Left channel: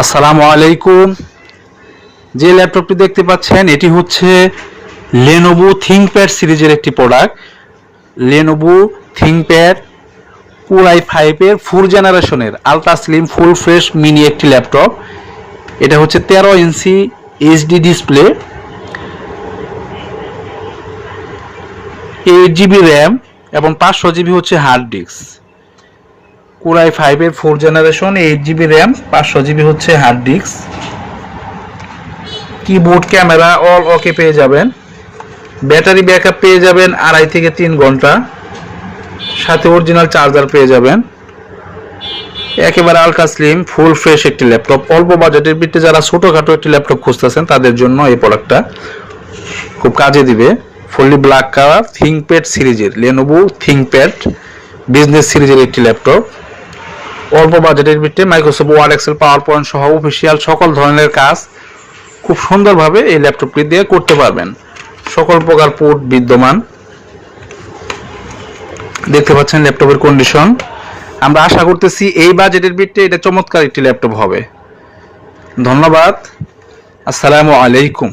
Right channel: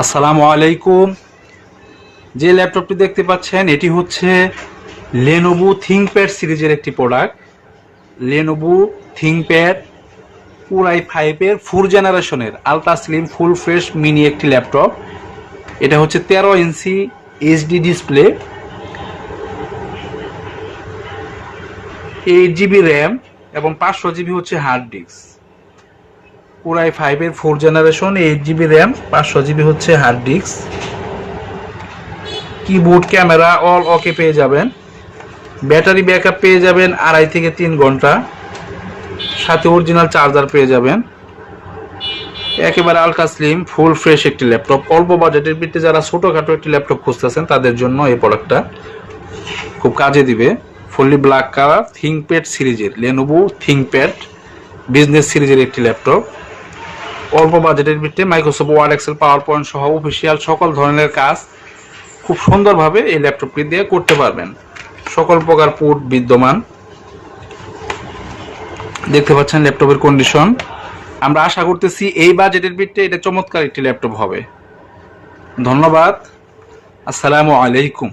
আসসালামু আলাইকুম। যে ল্যাপটপটি দেখতে পাচ্ছেন এটি হচ্ছে লেনোভো থিংকপ্যাড সিরিজের একটি product. Lenovo ThinkPad core i5 এর 4 জেনারেশনের ultra slim full fresh mini একটি ল্যাপটপ। এটা হচ্ছে 13 ইঞ্চি এইচডি ডিসপ্লে, 8 জিবি র্যাম এবং 500 জিবি হচ্ছে হার্ড ডিস্ক। কোর i5 এর 4 জেনারেশন, 8 জিবি র্যাম, 500 জিবি হচ্ছে hard disk. Keyboard camera all okay পেয়ে যাবেন। ব্যাটারি ব্যাকআপ পেয়ে যাবেন 2.5 থেকে 3 ঘন্টা। সাথে অরিজিনাল চার্জার পেয়ে যাবেন। একেবারে আলট্রা স্লিম ফুল ফ্রেশ একটি ল্যাপটপ। অল্প বাজেটের ভিত্তিতে যারা ছোটোখাটো একটি ল্যাপটপ খুঁজতেছেন তাদের জন্য এই প্রোডাক্টটা খুব কাজে দিবে। ফুললি ব্ল্যাক কালার থিংকপ্যাড সিরিজের লেনোভো থিংকপ্যাড বিজনেস সিরিজের একটি ল্যাপটপ। অল্প বাজেটের ভিত্তিতে Microsoft Word, Excel, PowerPoint সহ অফিসিয়াল সকল ধরনের কাজ খুব সুন্দরভাবে এই ল্যাপটপটি দিয়ে করতে পারবেন। সকল প্রকার পোর্ট বিদ্যমান। দেখতে পাচ্ছেন ল্যাপটপের কন্ডিশন। আমরা আশা করতেছি এই বাজেটের ভিত্তিতে এটা চমৎকার একটি ল্যাপটপ হবে। ধন্যবাদ। আসসালামু আলাইকুম।